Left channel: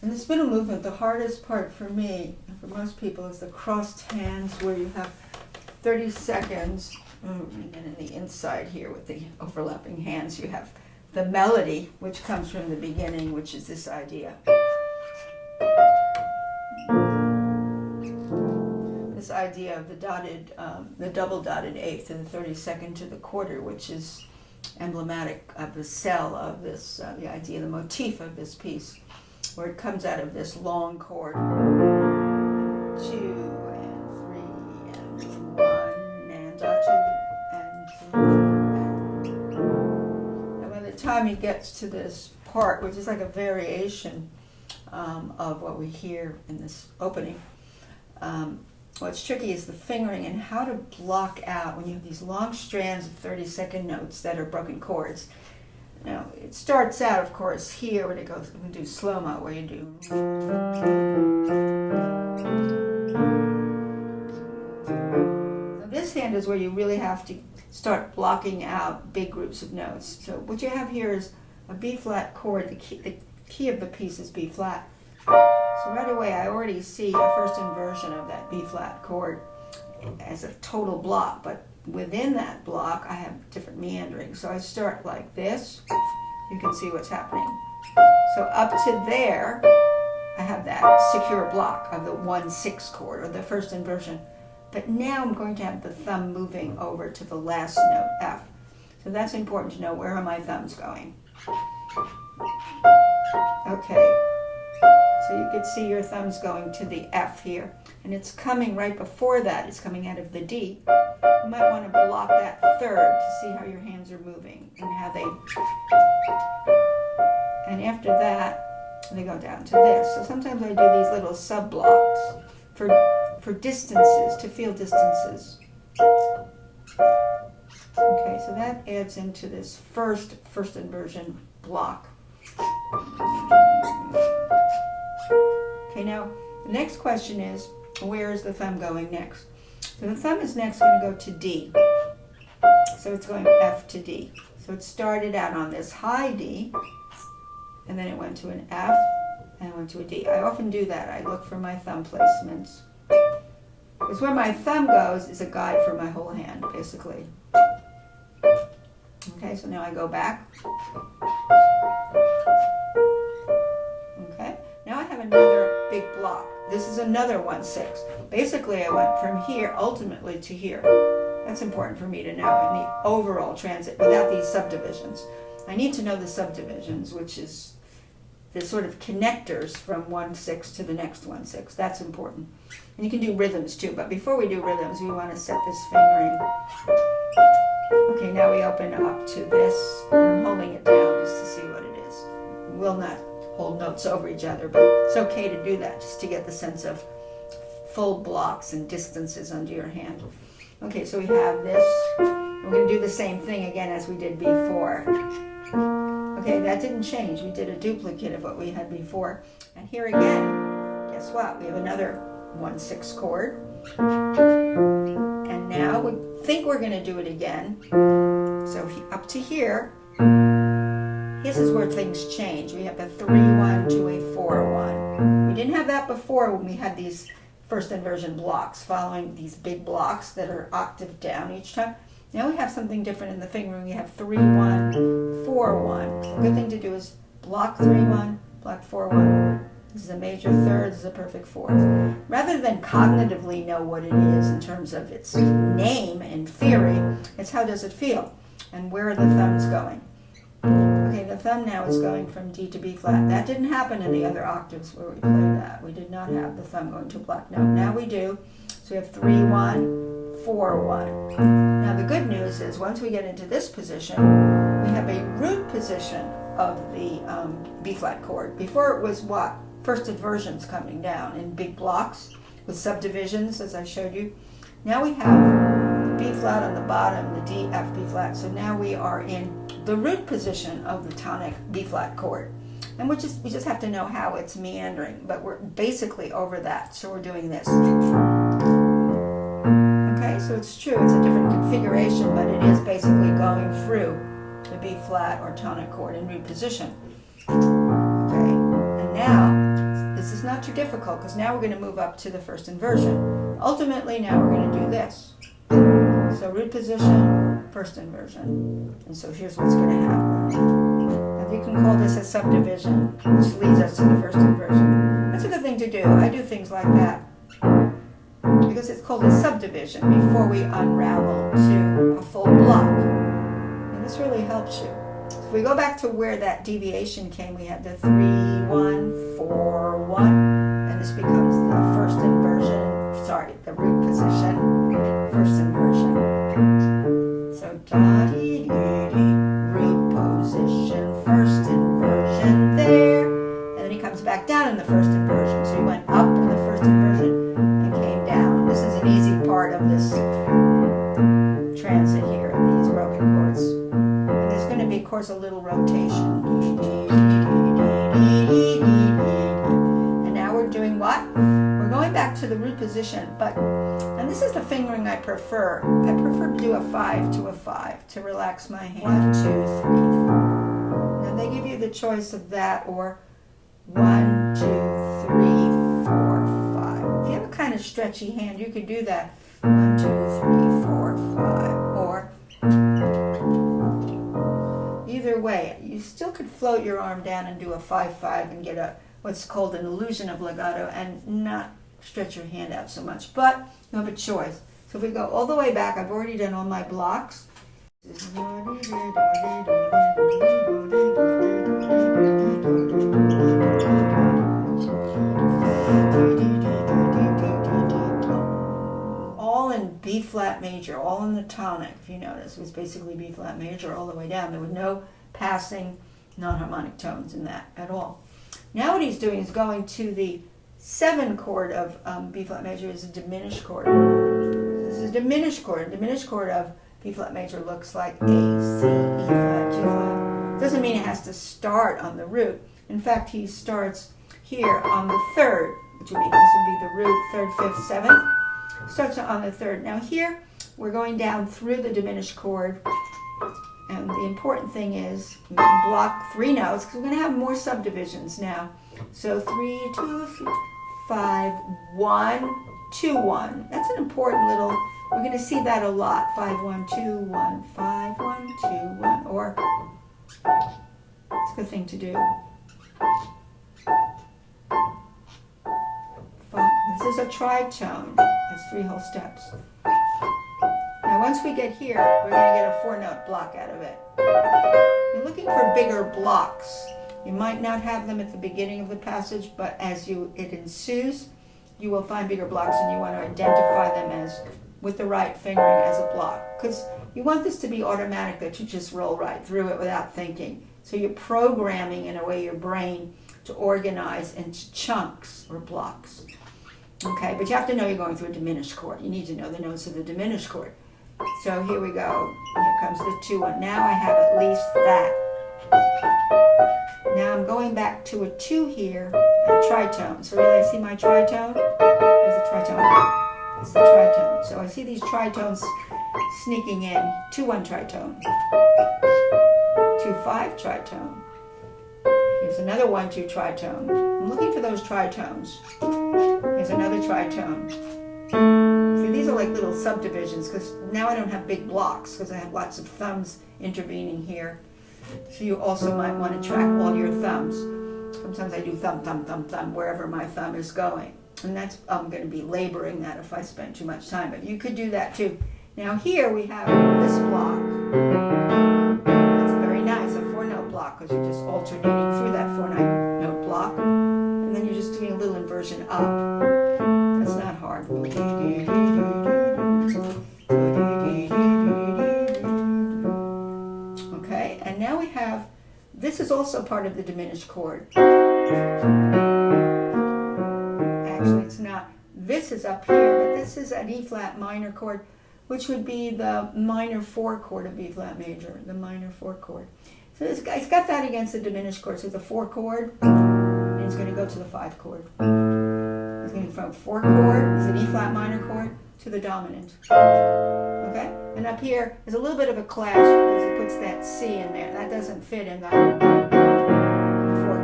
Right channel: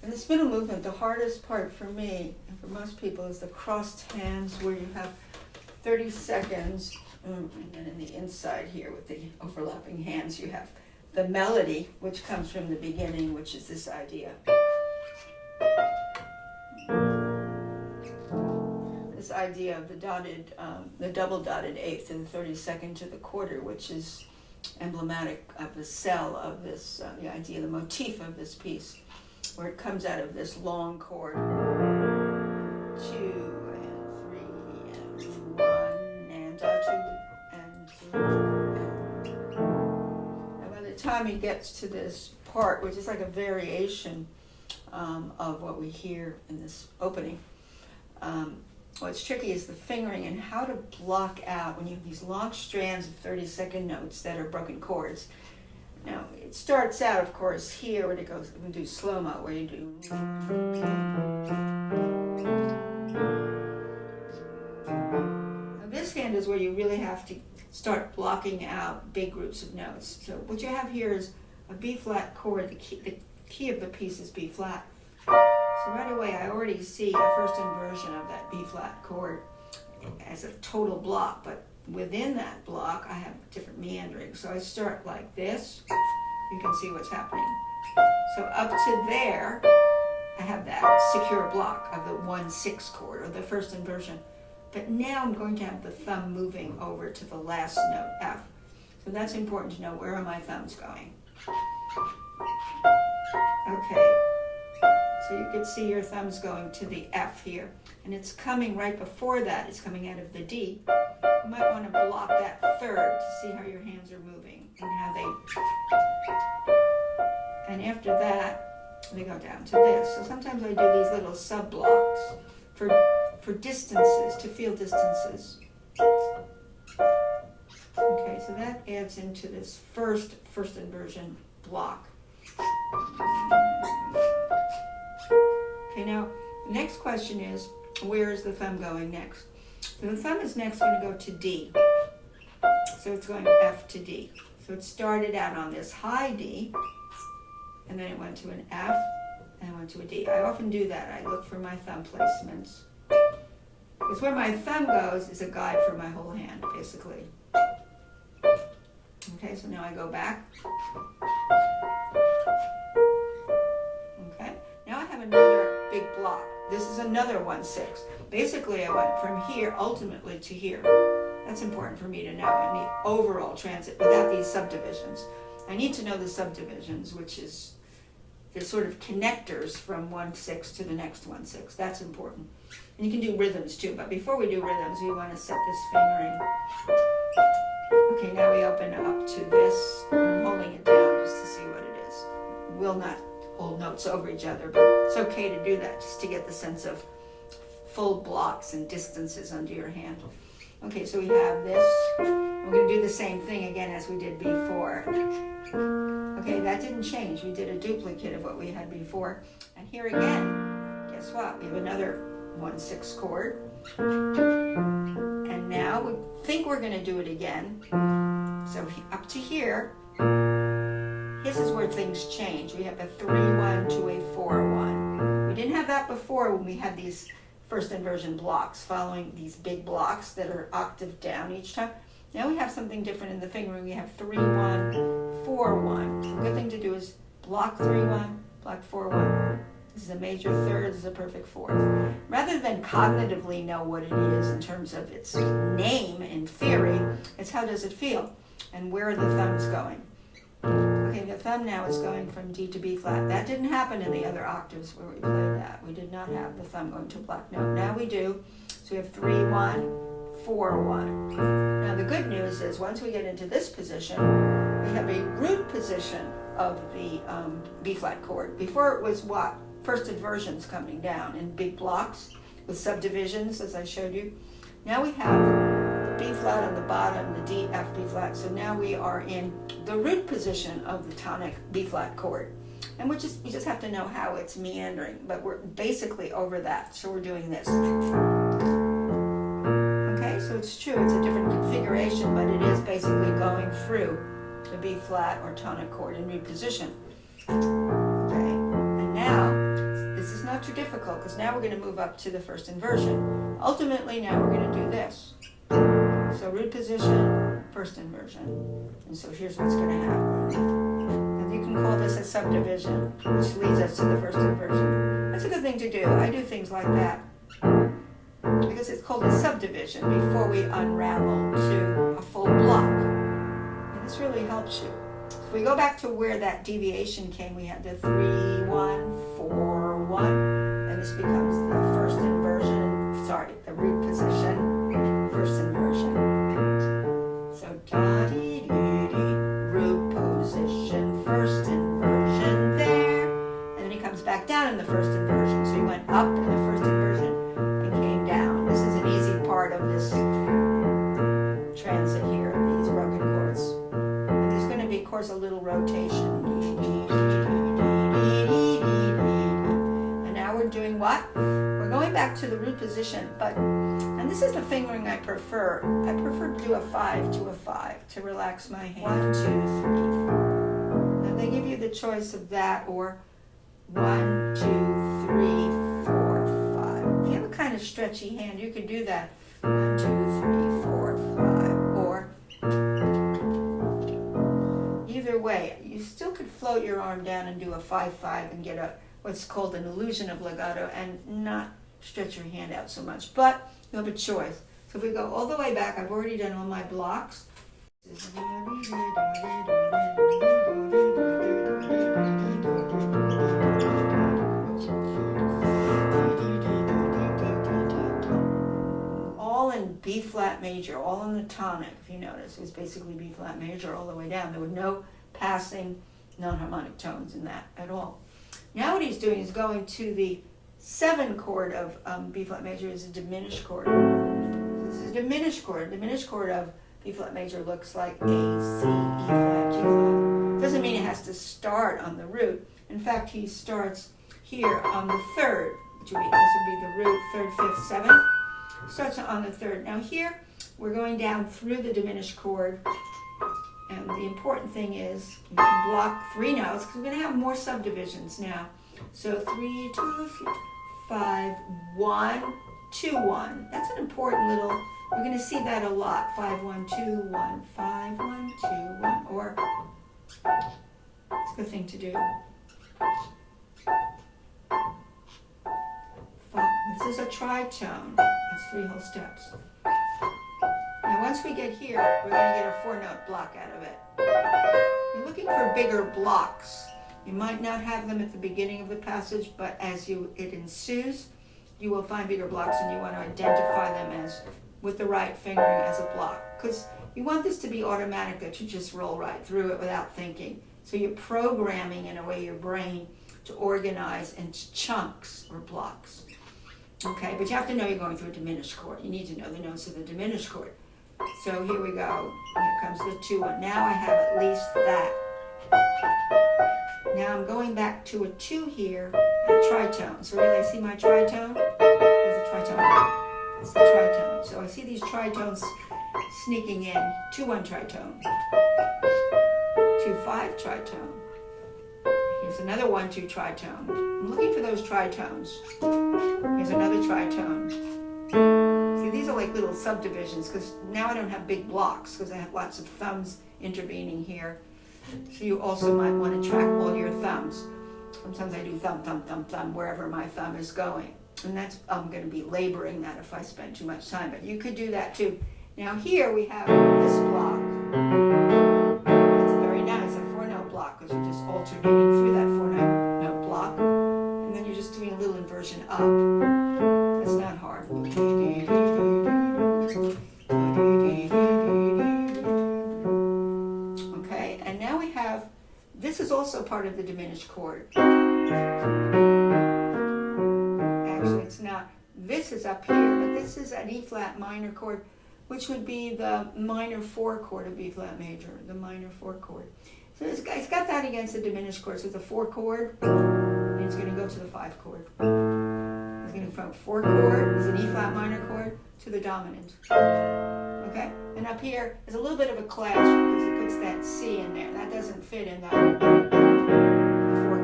In this middle movement, the hardest part for me, and for most people, is the crossed hands where you have 30 seconds, and then in the inside here with the overlapping hands, you have the melody, which comes from the beginning, which is this idea. This idea of the double dotted eighth and the 32nd to the quarter, which is emblematic of the cell of this, the idea, the motif of this piece, where it comes out of this long chord, 2 and 3 and 1 and 2 and 3 and by the time he gets to this part, which is like a variation of what we hear in this opening, what's tricky is the fingering and how to block out when you have these long strands of 30-second notes that are broken chords. Now, it starts out, of course, here when it goes, we do slow-mo, where you do. Now, this hand is where you really have to start blocking out big groups of notes. So what you have here is a B-flat chord. The key of the piece is B-flat. So right away, I already see a first inversion of that B-flat chord as a total block, but within that block, I have different meandering. So I start like this. You can see what's happening. So up to there, I have that secure block of the 1-6 chord, or the first inversion. But now I'm going to have the thumb moving over to the last note, F. So that's important to know. Where are my thumbs going? Okay. So you can see your thumbs going to the F here. And it's coming right before that. It's coming out of the D. You might want to block that third to see how your hands are moving and how they... And after that, they go down to this. So sometimes I do these little sub-blocks for distances, to feel distances. Okay, so that adds into this first inversion block. Okay, now the next question is, where is the thumb going next? So the thumb is next going to go to D. So it's going F to D. So it started out on this high D, and then it went to an F, and it went to a D. I often do that. I look for my thumb placements. Because where my thumb goes is a guide for my whole hand, basically. Okay, so now I go back. Okay, now I have another big block. This is another 1-6. Basically, I went from here ultimately to here. That's important for me to know in the overall transit without these subdivisions. I need to know the subdivisions, which is the sort of connectors from 1-6 to the next 1-6. That's important. And you can do rhythms too, but before we do rhythms, we want to set this fingering. Okay, now we open up to this, and I'm holding it down just to see what it is. We'll not hold notes over each other, but it's okay to do that just to get the sense of full blocks and distances under your hand. Okay, so we have this. We're going to do the same thing again as we did before. Okay, that didn't change. We did a duplicate of what we had before. And here again, guess what? We have another 1-6 chord. And now we think we're going to do it again. So up to here, this is where things change. We have a 3-1 to a 4-1. We didn't have that before when we had these first inversion blocks, following these big blocks that are octave down each time. Now we have something different in the fingering. We have 3-1, 4-1. The good thing to do is block 3-1, block 4-1. This is a major third, this is a perfect fourth. Rather than cognitively know what it is in terms of its name in theory, it's how does it feel and where are the thumbs going. Okay, the thumb now is going from D to B flat. That didn't happen in the other octaves where we played that. We did not have the thumb going to a black note. Now we do. So we have 3-1, 4-1. Now the good news is once we get into this position, we have a root position of the B flat chord. Before it was what? First inversions coming down in big blocks with subdivisions, as I showed you. Now we have the B flat on the bottom, the D, F, B flat. So now we are in the root position of the tonic B flat chord. And we just have to know how it's meandering, but we're basically over that. So we're doing this. Okay, so it's true, it's a different configuration, but it is basically going through the B flat or tonic chord in root position. Okay, and now not too difficult because now we're going to move up to the first inversion. Ultimately, now we're going to do this. So root position, first inversion. And so here's what's going to happen. And you can call this a subdivision, which leads us to the first inversion. That's a good thing to do. I do things like that because it's called a subdivision before we unravel to a full block. And this really helps you. So if we go back to where that deviation came, we had the 3, 1, 4, 1, and this becomes the first inversion, sorry, the root position, first inversion. So da-dee-dee-dee, root position, first inversion there, and then he comes back down in the first inversion. So he went up in the first inversion and came down. This is an easy part of this transit here, these broken chords. And there's going to be, of course, a little rotation. And now we're doing what? We're going back to the root position, and this is the fingering I prefer. I prefer to do a 5 to a 5 to relax my hand. 1, 2, 3, 4. Now they give you the choice of that or 1, 2, 3, 4, 5. If you have a kind of stretchy hand, you could do that. 1, 2, 3, 4, 5. Or either way, you still could float your arm down and do a 5, 5 and get what's called an illusion of legato and not stretch your hand out so much, but you have a choice. So if we go all the way back, I've already done all my blocks. All in B flat major, all in the tonic, if you notice. It was basically B flat major all the way down. There were no passing non-harmonic tones in that at all. Now what he's doing is going to the 7 chord of B flat major is a diminished chord. This is a diminished chord. A diminished chord of B flat major looks like A, C, E flat, G flat. Doesn't mean it has to start on the root. In fact, he starts here on the 3rd, which would be, this would be the root, 3rd, 5th, 7th. Starts on the 3rd. Now here, we're going down through the diminished chord. And the important thing is we can block 3 notes because we're going to have more subdivisions now. So 3, 2, 3, 5, 1, 2, 1. That's an important little, we're going to see that a lot. 5, 1, 2, 1, 5, 1, 2, 1. Or, it's a good thing to do. This is a tritone. It's 3 whole steps. Now once we get here, we're going to get a 4-note block out of it. You're looking for bigger blocks. You might not have them at the beginning of the passage, but as it ensues, you will find bigger blocks, and you want to identify them as, with the right fingering, as a block. Because you want this to be automatic, that you just roll right through it without thinking. So you're programming, in a way, your brain to organize into chunks or blocks. Okay, but you have to know you're going through a diminished chord. You need to know the notes of the diminished chord. So here we go. Here comes the 2, 1. Now I have at least that. Now I'm going back to a 2 here, a tritone. So really I see my tritone. There's a tritone. It's the tritone. So I see these tritones sneaking in. 2, 1 tritone. 2, 5 tritone. Here's another 1, 2 tritone. I'm looking for those tritones. Here's another tritone. See, these are like little subdivisions because now I don't have big blocks because I have lots of thumbs intervening here. So you also might want to track all your thumbs. Sometimes I do thumb, thumb, thumb, thumb, wherever my thumb is going. And that's, I'm going to be laboring that if I spend too much time. But you could do that too. Now here we have this block. It's very nice, a 4-note block, because you're just alternating through that 4-note block. And then you're just doing a little inversion up. That's not hard. Okay, and now we have, this is also part of the diminished chord. Actually, it's not. This is up here, but this is an E flat minor chord, which would be the minor 4 chord of B flat major, the minor 4 chord. So it's got that against the diminished chord. So the 4 chord, and it's going to go to the 5 chord. It's going to go from 4 chord, it's an E flat minor chord, to the dominant. Okay? And up here is a little bit of a clash because it puts that C in there. That doesn't fit in the 4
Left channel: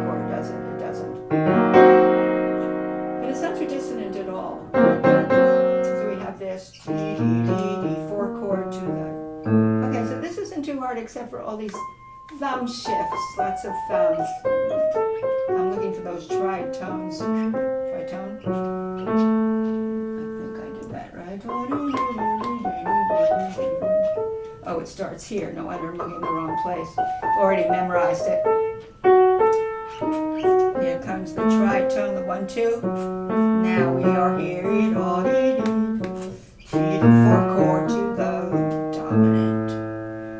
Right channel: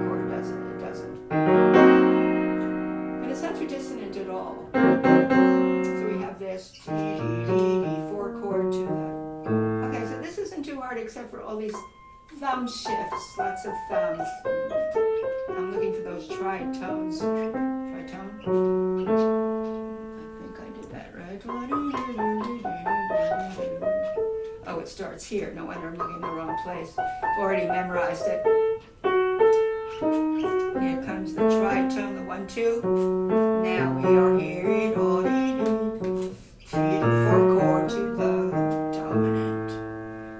chord, doesn't it? It doesn't. it all. So we have this D, D, D, D, 4 chord to the. Okay, so this isn't too hard except for all these thumb shifts, lots of thumbs. I'm looking for those tritones. Tritone? I think I did that right. Oh, it starts here. No wonder I'm looking in the wrong place. I've already memorized it. Here comes the tritone, the 1, 2. Now we are here. The 4 chord to the dominant.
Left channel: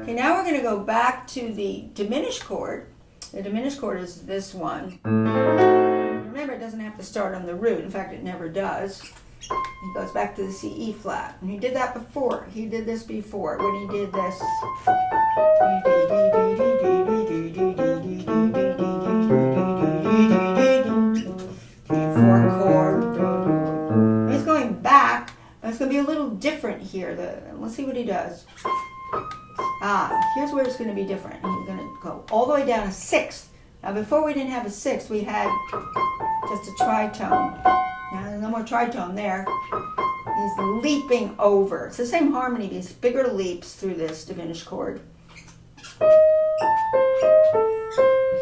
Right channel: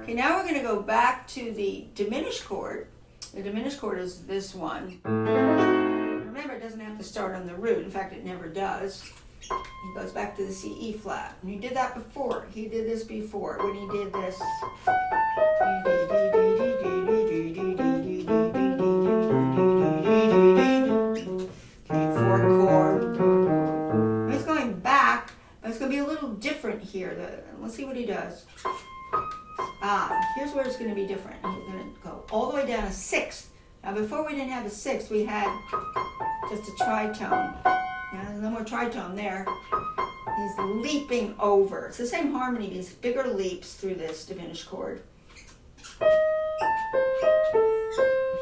Okay, now we're going to go back to the diminished chord. The diminished chord is this one. Remember, it doesn't have to start on the root. In fact, it never does. He goes back to the C, E flat. And he did that before. He did this before when he did this. 4 chord. He's going back. It's going to be a little different here. Let's see what he does. Here's where it's going to be different. He's going to go all the way down a sixth. Now, before we didn't have a sixth, we had just a tritone. Now, there's no more tritone there. He's leaping over. It's the same harmony, these bigger leaps through this diminished chord.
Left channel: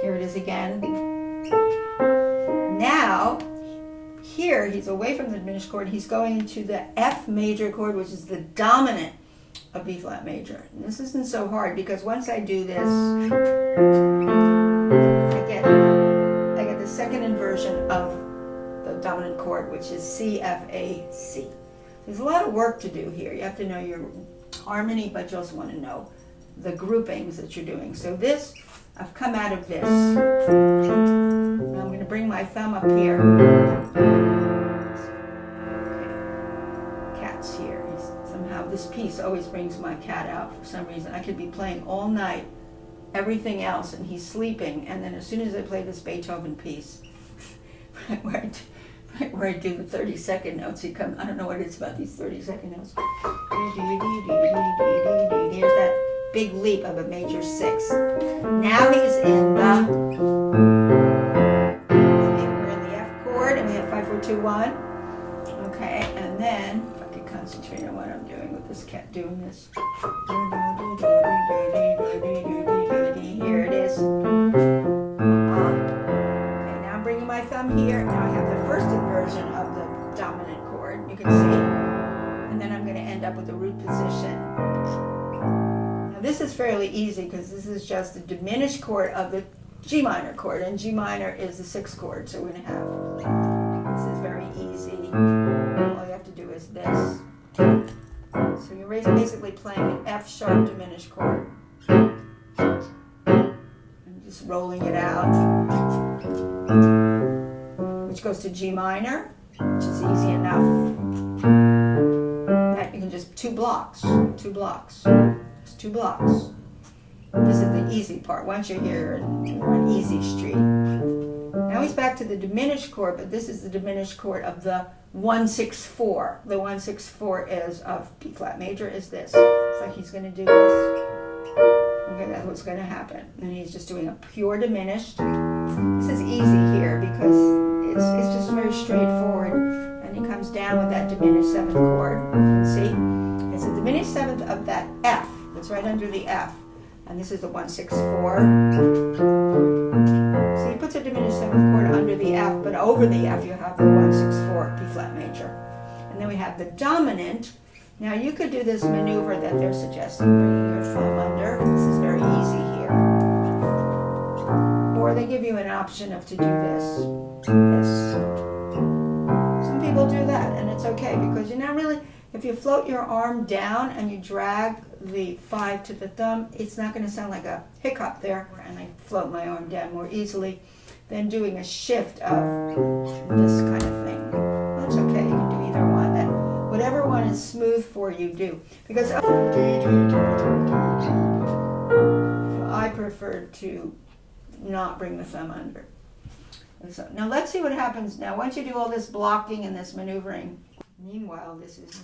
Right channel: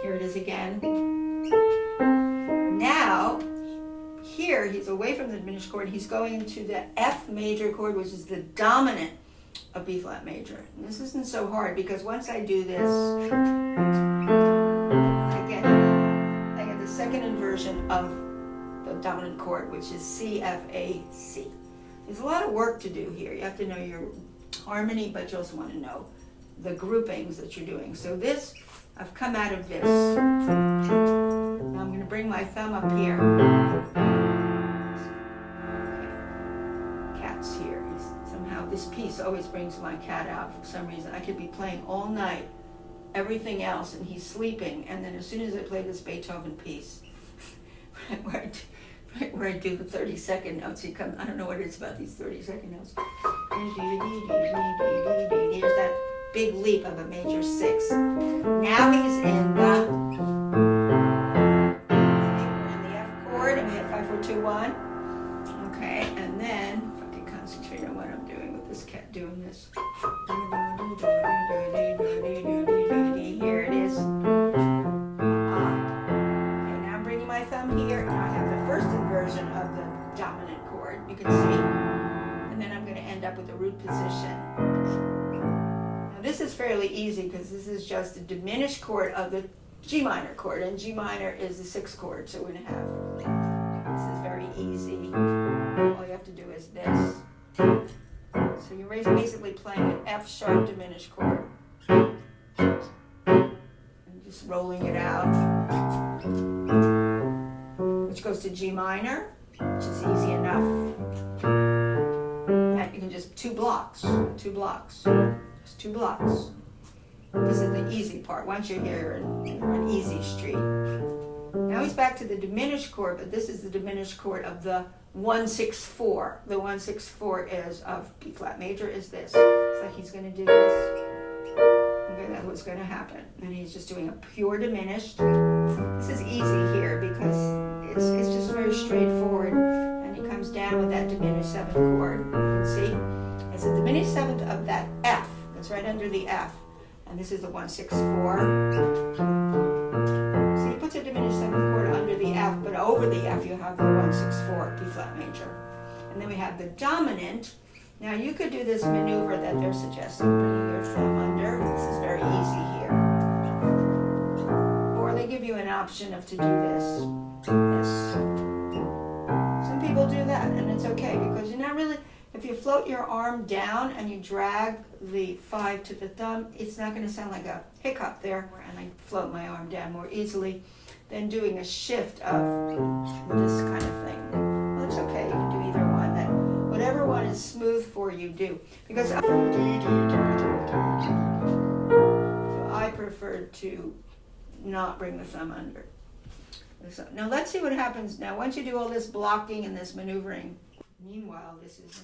Here it is again. Now, here he's away from the diminished chord. He's going into the F major chord, which is the dominant of B flat major. And this isn't so hard because once I do this, I get the second inversion of the dominant chord, which is C, F, A, C. There's a lot of work to do here. You have to know your harmony, but you also want to know the groupings that you're doing. So this, I've come out of this. Now I'm going to bring my thumb up here. Okay. Cat's here. Somehow this piece always brings my cat out for some reason. I could be playing all night, everything else, and he's sleeping, and then as soon as I play this Beethoven piece, where I do the 30-second notes, he comes. I don't know what it is about these 30-second notes. Here's that big leap of a major 6. Now he's in the. We're in the F chord, and we have 5, 4, 2, 1. Okay, and then if I can concentrate on what I'm doing with this cat doing this. Here it is. My thumb here, now I have the first inversion of the dominant chord, you can see, and then I'm going to end up with the root position. Now this is fairly easy because this is just the diminished chord of the G minor chord, and G minor is the 6th chord, so we're going to have, this is very easy, all you have to do is this. So you're basically playing an F sharp diminished chord, and just rolling it out. Which goes to G minor, which is easy enough. And you can just 2 blocks. Just 2 blocks. This is the easy part. Once you're here, you're on easy street. Now he's back to the diminished chord, but this is the diminished chord of the 1-6-4. The 1-6-4 is of B flat major is this. So he's going to do this. Okay, that's what's going to happen. And he's just doing a pure diminished. This is easy here because it's just very straightforward, and he comes down with that diminished 7th chord. You can see it's a diminished 7th of that F that's right under the F, and this is the 1-6-4. So he puts a diminished 7th chord under the F, but over the F you have the 1-6-4 B flat major, and then we have the dominant. Now you could do this maneuver that they're suggesting, bringing your thumb under. This is very easy here. Or they give you an option of to do this. Some people do that, and it's okay because you're not really, if you float your arm down and you drag the 5 to the thumb, it's not going to sound like a hiccup there, and I float my arm down more easily than doing a shift of this kind of thing. Well, it's okay, you can do either one. Whatever one is smooth for you, do. Because I prefer to not bring the thumb under. So, now let's see what happens now. Once you do all this blocking and this maneuvering, meanwhile this is...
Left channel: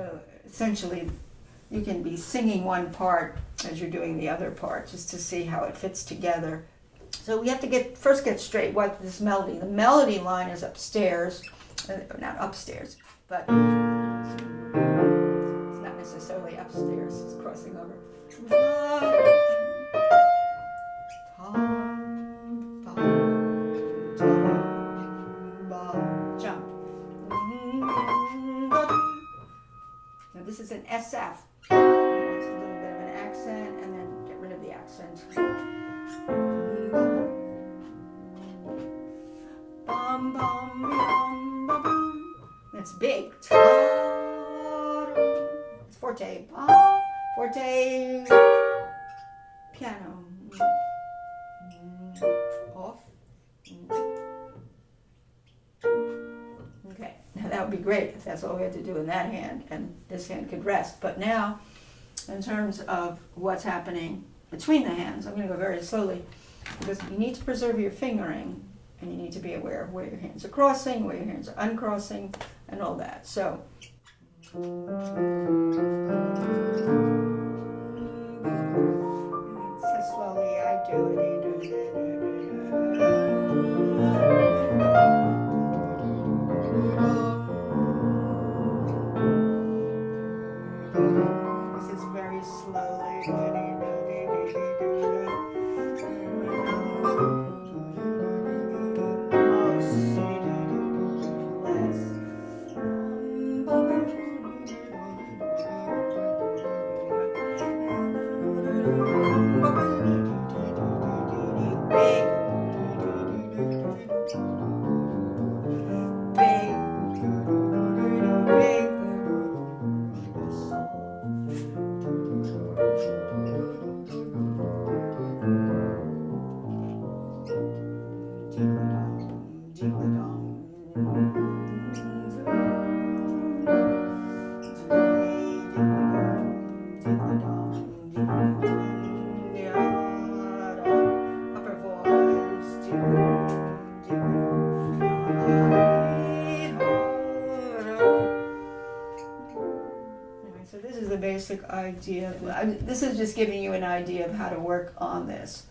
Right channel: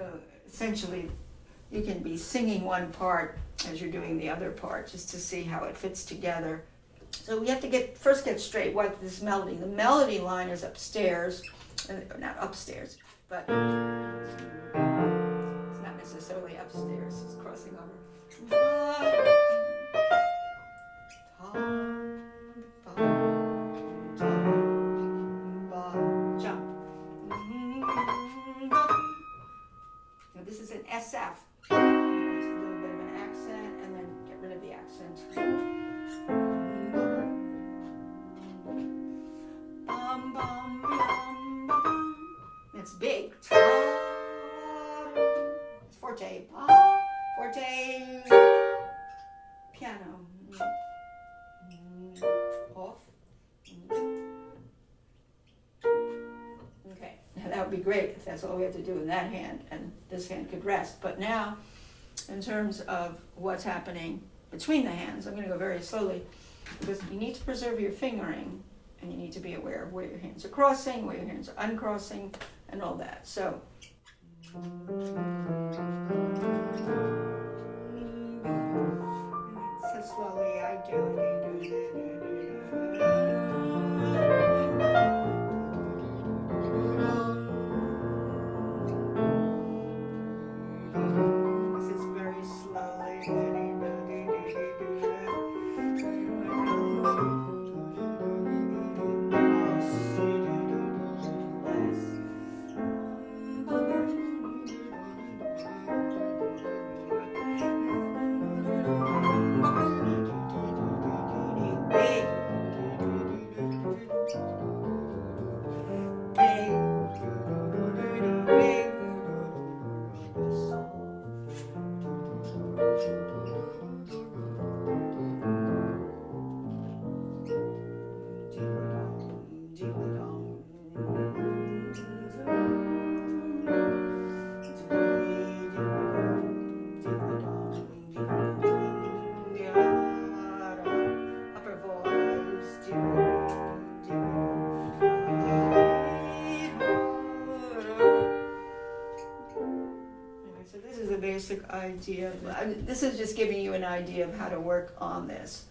So essentially, you can be singing one part as you're doing the other part, just to see how it fits together. So we have to first get straight what this melody. The melody line is upstairs, not upstairs, but it's not necessarily upstairs. It's crossing over. Jump. Now this is an SF. It's a little bit of an accent, and then get rid of the accent. Bum, bum, bum, bum, bum. That's big. It's forte. Forte. Piano. Off. Okay, now that would be great if that's all we had to do in that hand, and this hand could rest. But now, in terms of what's happening between the hands, I'm going to go very slowly, because you need to preserve your fingering, and you need to be aware of where your hands are crossing, where your hands are uncrossing, and all that. So, so slowly I do it. This is very slowly. So this is the basic idea. This is just giving you an idea of how to work on this.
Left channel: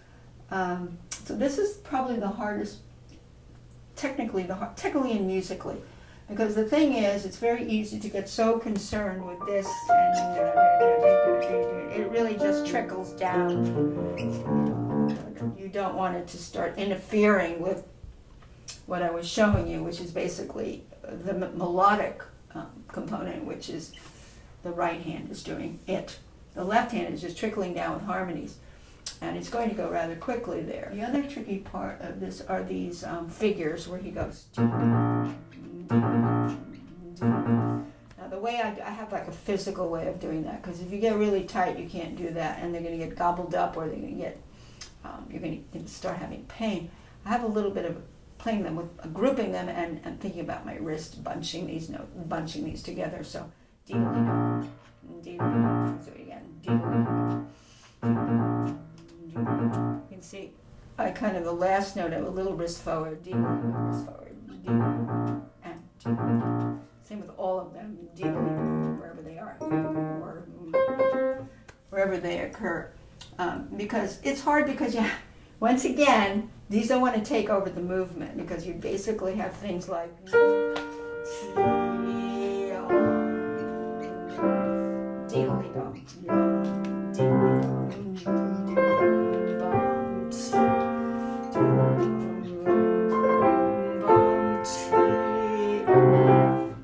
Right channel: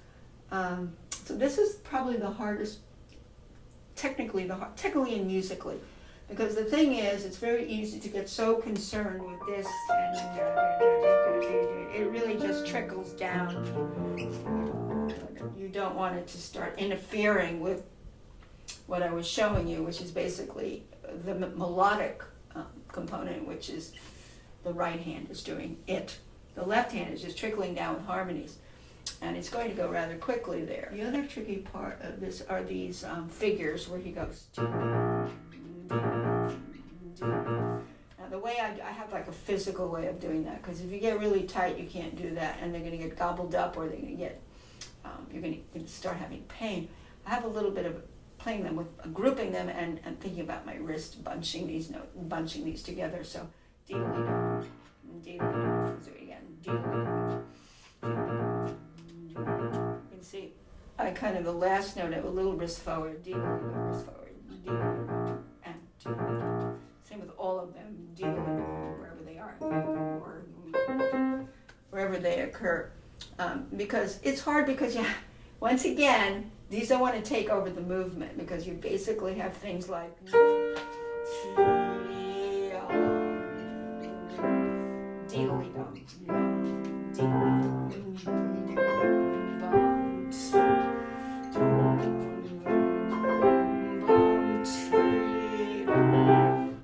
So this is probably the hardest, technically and musically, because the thing is, it's very easy to get so concerned with this, and it really just trickles down. You don't want it to start interfering with what I was showing you, which is basically the melodic component, which is the right hand is doing it. The left hand is just trickling down with harmonies, and it's going to go rather quickly there. The other tricky part of this are these figures where he goes. Now the way I have like a physical way of doing that, because if you get really tight, you can't do that, and they're going to get gobbled up, or they're going to get you're going to start having pain. I have a little bit of playing them with grouping them and thinking about my wrist bunching these together. So. So again, you can see I kind of the last note I have a little wrist forward, wrist forward, and same with all of them, wherever they are, or wherever they occur, because it's hard because once again these don't want to take over the movement, because you basically have things like.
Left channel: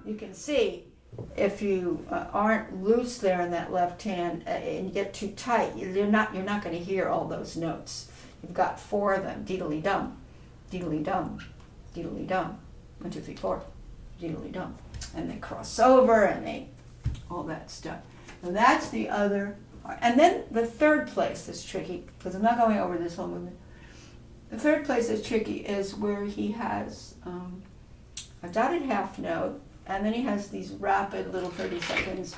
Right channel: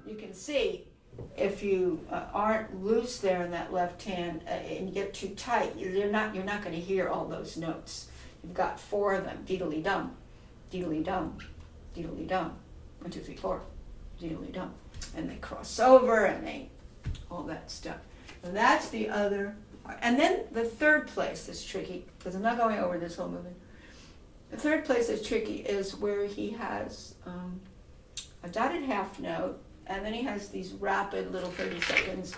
You can see if you aren't loose there in that left hand and you get too tight, you're not going to hear all those notes. You've got 4 of them: deedly dum, deedly dum, deedly dum. 1, 2, 3, 4, deedly dum, and they cross over and they all that stuff. And that's the other part. And then the third place that's tricky, because I'm not going over this whole movement. The third place that's tricky is where he has a dotted half note, and then he has these rapid little 30 seconds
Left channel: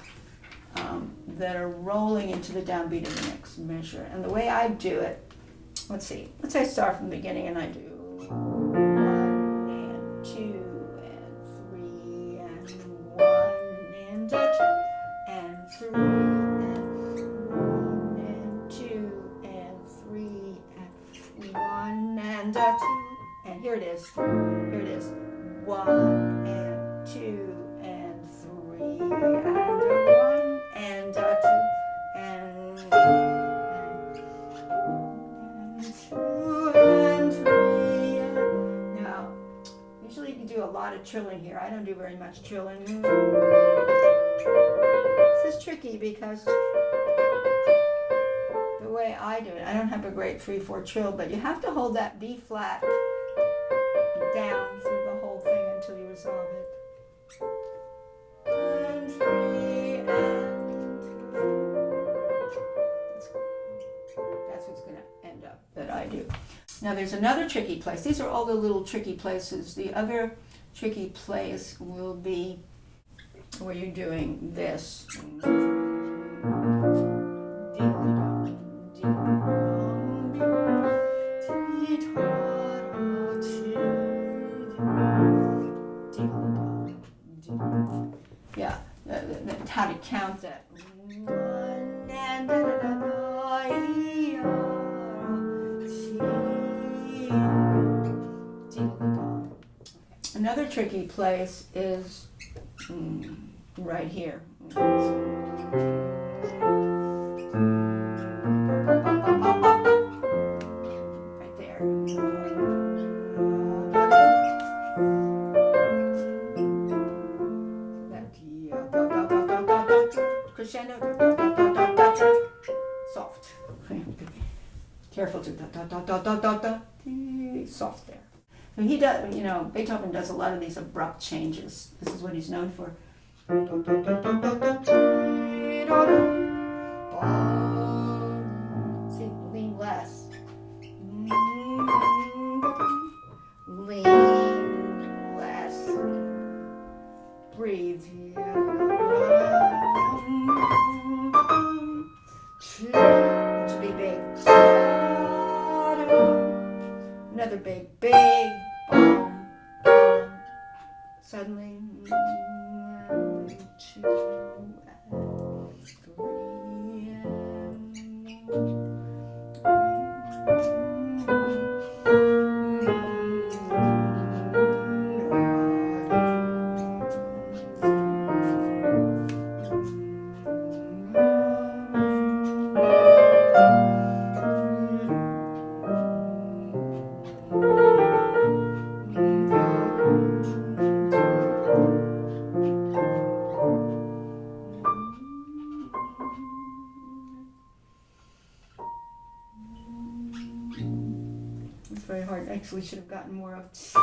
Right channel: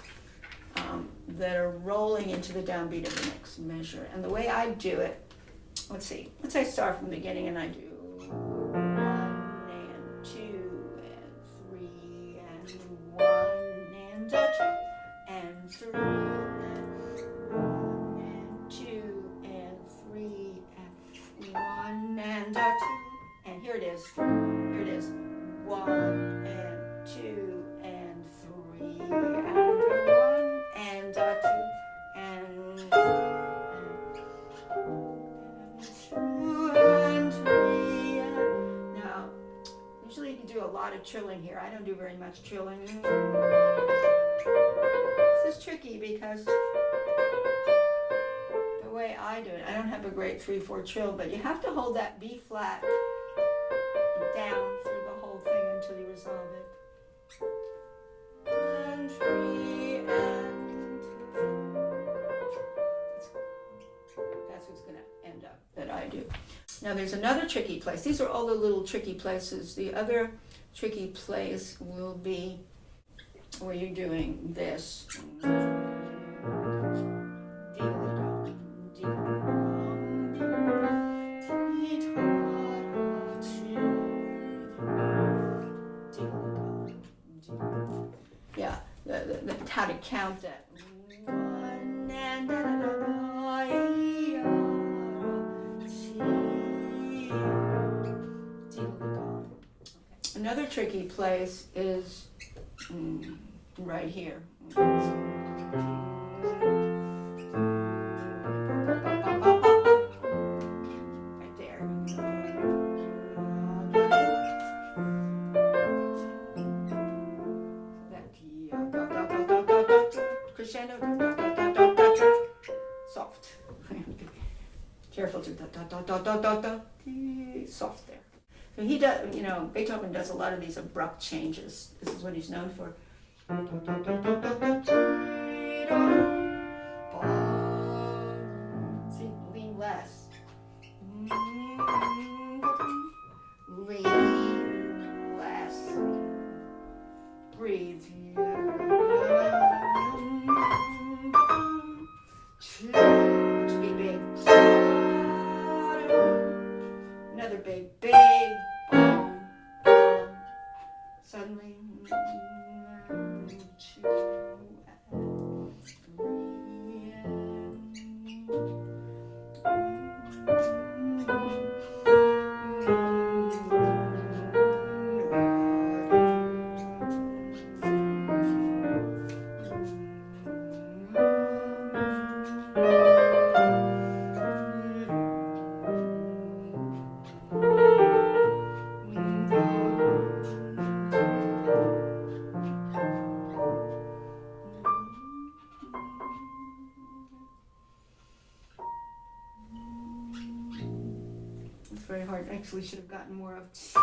that are rolling into the downbeat of the next measure. And the way I do it, let's say I start from the beginning and I do 1 and 2 and 3 and 1 and 2. 3 and 1 and 2 and 3 and 1 and 2 and here it is. Here it is. 1 and 2 and 3 and 1 and 2 and 2 and 3 and now usually you can do a lot of trilling here. I don't do very much trilling. This is tricky because the way I do it, I don't have a great 3/4 trill, but you have to hold that B flat down through the whole thing until you resolve it. 1, 3 and that's what's going to end up that I do. Now there's another tricky place. These are all the little tricky places. The other tricky place will be where you're doing this. Yeah, how to count that. 1 and da da da da, another tricky place is right here. Right there. Crescendo. Soft. Careful to soft there. So he does, Beethoven does a lot of these abrupt changes. This is what he's known for. See, lean less. Lean less. Breathe. That should be big. Another big bomb. Suddenly, 1, 2, very hard. Actually, should have gotten more of T.